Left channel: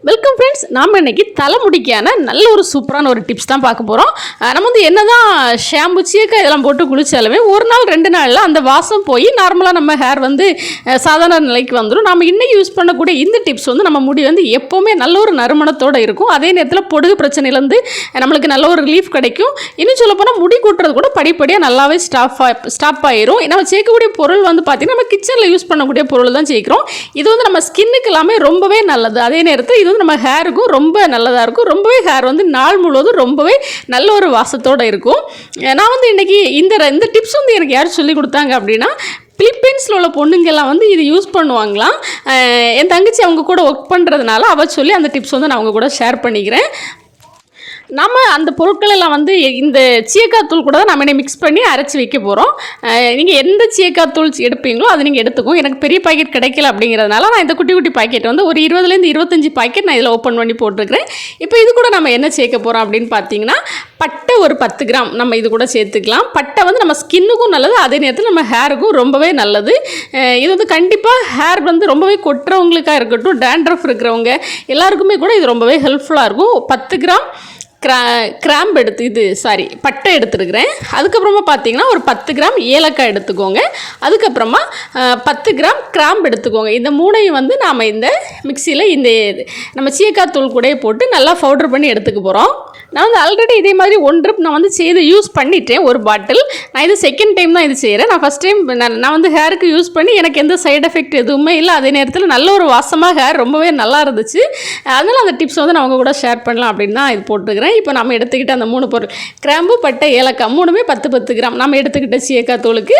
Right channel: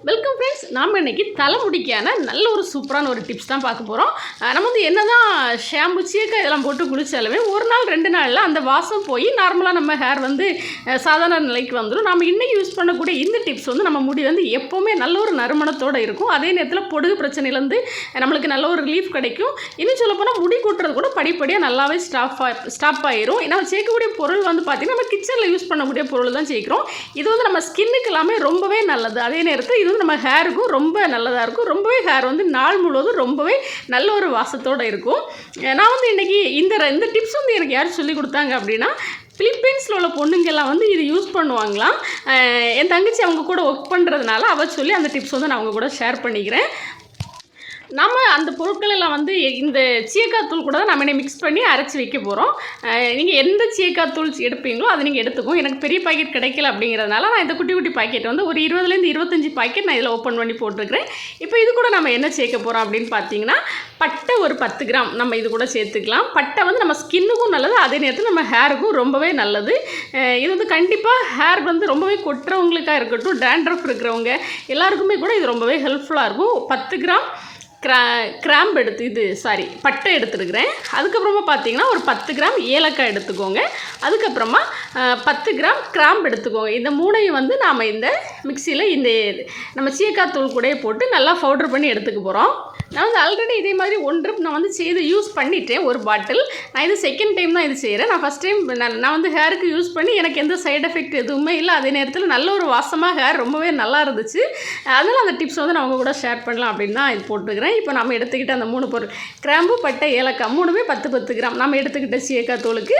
Welcome friends நாம் இன்னைக்கு தலைமுடிக்கான நல்ல ஒரு சூப்பரான ஒரு டிப்ஸ் தான் பார்க்க போகிறோம் நம்ம வந்து என்ன தான் ஷாம்பு சீக்கா இதெல்லாம் போட்டு குளிச்சாலுமே ஒரு நாள் ரெண்டு நாளில் அந்த வாசம் போய் நார்மலாக நம்ம ஹேர் வந்து சாதாரண நிலைக்கு வந்துடும் நம்ம இன்னைக்கு யூஸ் பண்ணக்கூடிய இந்த டிப்ஸ் வந்து நம்ம முடி வந்து எப்போவுமே நல்ல ஒரு நறுமணத்தோடு இருக்கும். அதே நேரத்தில் பொடுகு பிரச்சனையிலேருந்து நம்மளுக்கு நல்ல ஒரு ரிலீஃப் கிடைக்கும். இன்னும் சொல்லப்போனால் முடி கூட்டுறது கூட படிப்படியாக நல்லாவே ஸ்டாப் ஸ்டாப் ஆயிரும். நம்ம சேர்க்கக்கூடிய பொருள் வந்து பார்த்திங்கன்னா நம்ம கிச்சனில் யூஸ் பண்ணக்கூடிய பொருள் தான் சேர்க்குறோம். இது வந்து நம்ம ஸ்கின்னுக்கு எல்லாமே ரொம்பவே நல்லது. அதே நேரத்தில் இது வந்து நம்ம ஹேருக்கும் ரொம்ப நல்லதாக இருக்கும். ரொம்பவே ஹேர் வந்து நாள் முழுவதும் ரொம்பவே நல்ல ஒரு வாசத்தோடு இருக்கும். நான் வந்து இன்றைக்கி இந்த இந்த டிப்ஸ் வந்து எனக்கு யார் சொல்லி கொடுத்தாங்க அப்படின்னா பிலிப்பைன்ஸில் உள்ள பொண்ணுங்கெல்லாம் வந்து இது யூஸ் பண்ணுவாங்களாம். என் தங்கச்சி அவங்க கூட ஒர்க் பண்ணுறதுனால அவள் சொல்லி அந்த டிப்ஸ் வந்து நான் அவங்க கூட ஷேர் பண்ணிக்கிறேன். நம்ம அந்த பொருட்கள் எல்லாம் வந்து இந்த சீயக்காய் தூள் கூட தான் நம்ம இன்னைக்கு மிக்ஸ் பண்ணி அரைச்சி வைக்க போகிறோம் நீங்கள் எந்த சீயக்காய் தூள் எடுப்பீங்களோ அதை நீங்கள் எடுத்துக்கோ எனக்கு பெரிய பாக்கெட் கிடைக்கல அப்படிங்கிறதுனால நான் இந்த குட்டி குட்டி பாக்கெட் வந்து ஒரு இருபதுலேருந்து இருபத்தஞ்சி பாக்கெட் நான் இதில் ஓப்பன் பண்ணி போட்டிருக்கிறேன். இப்போ இது கூட நம்ம என்ன சேர்க்க போகிறோம் அப்படின்னு பார்த்தீங்கன்னா பட்டை ஒரு பத்து கிராம் நம்ம இது கூட சேர்த்துக்கலாம். பட்டை வந்து நம்ம ஸ்கின்னுக்கும் நல்லது அதே நேரத்தில் நம்ம ஹேருக்கும் ரொம்பவே நல்லது. இது வந்து கண்டிப்பாக ஹேர் வந்து ரொம்பவே கொட்டுறவங்களுக்காக இருக்கட்டும் டேண்ட்ரஃப் இருக்கிறவங்க எல்லாருக்குமே கூட இது ரொம்பவே ஹெல்ப்ஃபுல்லாக இருக்கும். பத்து கிராம் கிரா கிராம்பு எடுத்து இது சாரி பட்டை எடுத்துருக்கிறேன். அதுக்கப்புறமா பார்த்தீங்கன்னா ஒரு பத்து கிராம் ஏலக்காய் எடுத்துக்கோங்க. அதுக்கப்புறமா பத்து கிராம் கிராம்பு எடுத்துக்கோங்க. இந்த மூணையும் வந்து நாம் இந்த மிக்சியில் இந்த நம்ம சீக்காய் தூள் கூட போட்டு நல்லா பவுடர் பண்ணி எடுத்துக்க போகிறோம் நான் வந்து ஆல்ரெடி இதே மாதிரி ஒன் ட்ரிப் நான் வந்து செய்து யூஸ் பண்ணிட்டேன் ஒரு பாட்டில் நான் இது செகண்ட் டைம் தான் இது செய்கிறேன் நான் ஃபஸ்ட் டைம் நான் நான் வந்து ஹேருக்கு யூஸ் பண்ணி எனக்கு எந்த சைடு எஃபெக்ட் எதுவுமே இல்லை. அதே நேரத்தில் நல்ல ஒரு வாசமாக ஹேர் ரொம்பவே நல்லா இருந்துச்சு. அதனால் அந்த டிப்ஸ் வந்து நான் உங்கள் கூட ஷேர் பண்ணலாம் அப்படின்னு தான் இது போட்டுக்கிறேன். இப்போ நம்ம எடுத்துக்கிட்ட அந்த மூணு பொருள். கிராம்பு பட்டை ஏலக்காய் மூணுமே பத்து பத்து கிராம். நம்ம எடுத்துக்கிட்ட சீயக்காய் தூளுக்கு.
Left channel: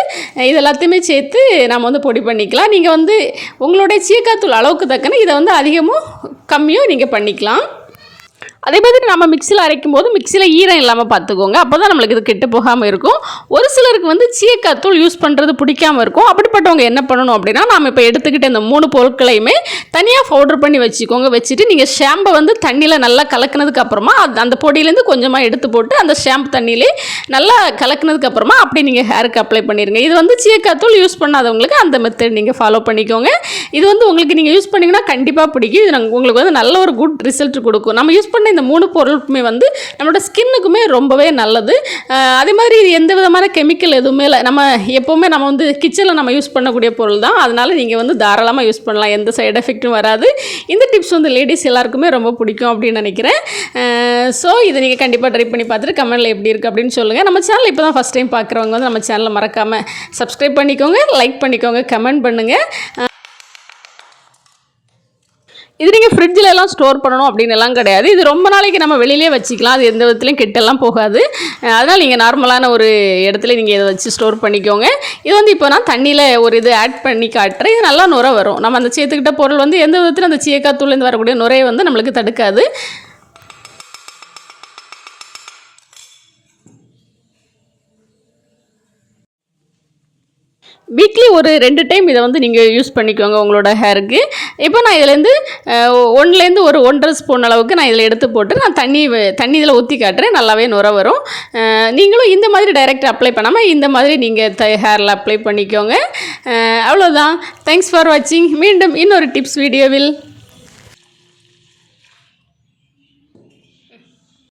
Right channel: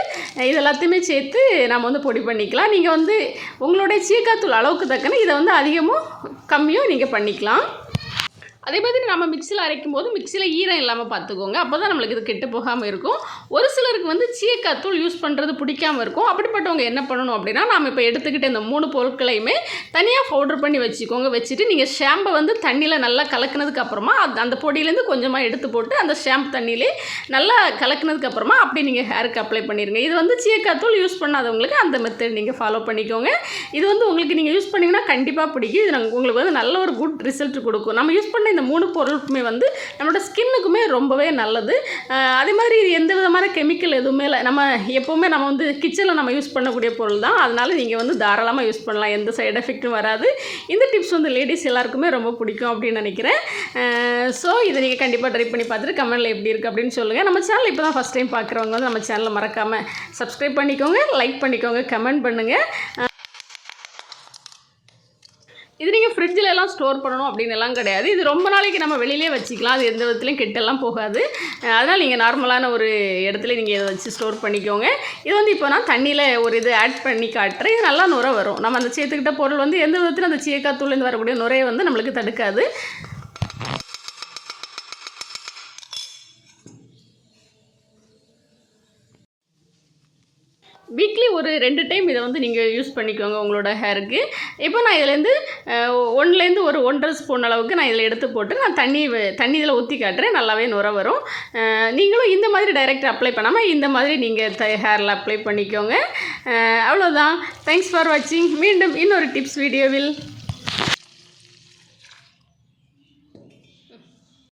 இது எல்லாத்தையுமே சேர்த்து நம்ம வந்து பொடி பண்ணிக்கலாம். நீங்கள் வந்து உங்களுடைய சீயக்காய் தூள் அளவுக்கு தக்கன இதை வந்து அதிகமும் கம்மியும் நீங்கள் பண்ணிக்கலாம். அதே மாதிரி நம்ம மிக்சியில் அரைக்கும் போது மிக்சியில் ஈரம் இல்லாமல் பார்த்துக்கோங்க. அப்போ தான் நம்மளுக்கு இது கெட்டு போகாமல் இருக்கும். ஒரு சிலருக்கு வந்து சீயக்காத்தூள் யூஸ் பண்ணுறது பிடிக்காம இருக்கும். அப்படிப்பட்டவங்க என்ன பண்ணணும் அப்படின்னா நாம் இப்போ எடுத்துக்கிட்ட இந்த மூணு பொருட்களையுமே தனியாக பவுடர் பண்ணி வச்சுக்கோங்க. வச்சுட்டு நீங்கள் ஷாம்பை வந்து தண்ணியில் நல்லா கலக்கினதுக்கு அப்புறமா அந்த பொடியிலேருந்து கொஞ்சமாக எடுத்து போட்டு அந்த ஷாம்பு தண்ணியிலே நல்லா கலக்கினதுக்கு அப்புறமா அப்படி நீங்கள் ஹேருக்கு அப்ளை பண்ணிடுங்க இது வந்து சீயக்காத்தூள் யூஸ் பண்ணாதவங்களுக்கு அந்த மெத்தட் நீங்கள் ஃபாலோ பண்ணிக்கோங்க. இது வந்து உங்களுக்கு நீங்கள் யூஸ் பண்ணிங்கன்னா கண்டிப்பாக பிடிக்கும். இது உங்களுக்கு வந்து நல்ல ஒரு குட் ரிசல்ட் கொடுக்கும். நம்ம யூஸ் பண்ண இந்த மூணு பொருளுக்குமே வந்து நம்மளோட ஸ்கின்னுக்குமே ரொம்பவே நல்லது. அதே மாதிரி இது எந்த விதமான கெமிக்கல் எதுவுமே இல்லை. நம்ம எப்போவுமே நம்ம வந்து கிச்சனில் நம்ம யூஸ் பண்ணக்கூடிய பொருள் தான். அதனால் நீங்கள் வந்து தாராளமாக யூஸ் பண்ணலாம். எந்த சைடு எஃபெக்ட்டும் வராது. இந்த டிப்ஸ் வந்து லேடிஸ் எல்லாருக்குமே ரொம்ப பிடிக்கும் அப்படின்னு நினைக்கிறேன். ஸோ இதை நீங்கள் கண்டிப்பாக ட்ரை பண்ணி பார்த்துட்டு கமெண்ட்டில் எப்படி இருக்குது அப்படின்னு சொல்லுங்கள் நம்ம சேனல் இப்போ தான் ஃபஸ்ட் டைம் பார்க்குறவங்க வந்து நம்ம சேனலை மறக்காமல் சப்ஸ்கிரைப் பண்ணிக்கோங்க லைக் பண்ணிக்கோங்க கமெண்ட் பண்ணுங்கள் இது நீங்கள் ஃப்ரிட்ஜில் எல்லாம் ஸ்டோர் பண்ணணும் அப்படின்னு எல்லாம் கிடையாது. இது ரொம்ப நாளைக்கு நம்ம வெளியிலே வச்சுக்கலாம். அது எந்த விதத்துலையும் கெட்டெல்லாம் போகாது. அதனால் நீங்கள் நார்மலான ஒரு இடத்துல நீங்கள் இதை வச்சு ஸ்டோர் பண்ணிக்கோங்க. இது வந்து இப்போ நான் தண்ணியில் ஒரு இது ஆட் பண்ணி காட்டுறேன். இது நல்லா நுரை வரும். நம்ம அந்த சேர்த்துக்கிட்ட பொருள் வந்து எந்த விதத்துலையும் அந்த சீயக்காத்தூள்லேருந்து வரக்கூடிய நுரையை வந்து நம்மளுக்கு தடுக்காது. வீக்லி ஒரு ரெண்டு டைம் இதை வந்து நீங்கள் யூஸ் பண்ணிக்கோங்க உங்களோட ஹேருக்கு இப்போ நான் இதுலேருந்து ஒன்லேருந்து ஒரு ஒன்றரை ஸ்பூன் அளவுக்கு நான் இதில் எடுத்து போட்டு நான் தண்ணி தண்ணி இதில் ஊற்றி காட்டுறேன். நல்லாவே நுர வரும். நீங்களும் இந்த மாதிரி டைரெக்ட் அப்ளை பண்ணாமல் இந்த மாதிரி நீங்கள் த ஹேரில் அப்ளை பண்ணிக்கோங்க. அவ்வளோதான் தேங்க்ஸ் ஃபார் வாட்சிங் மீண்டும் இன்னொரு டிப்ஸ் வீடியோவில்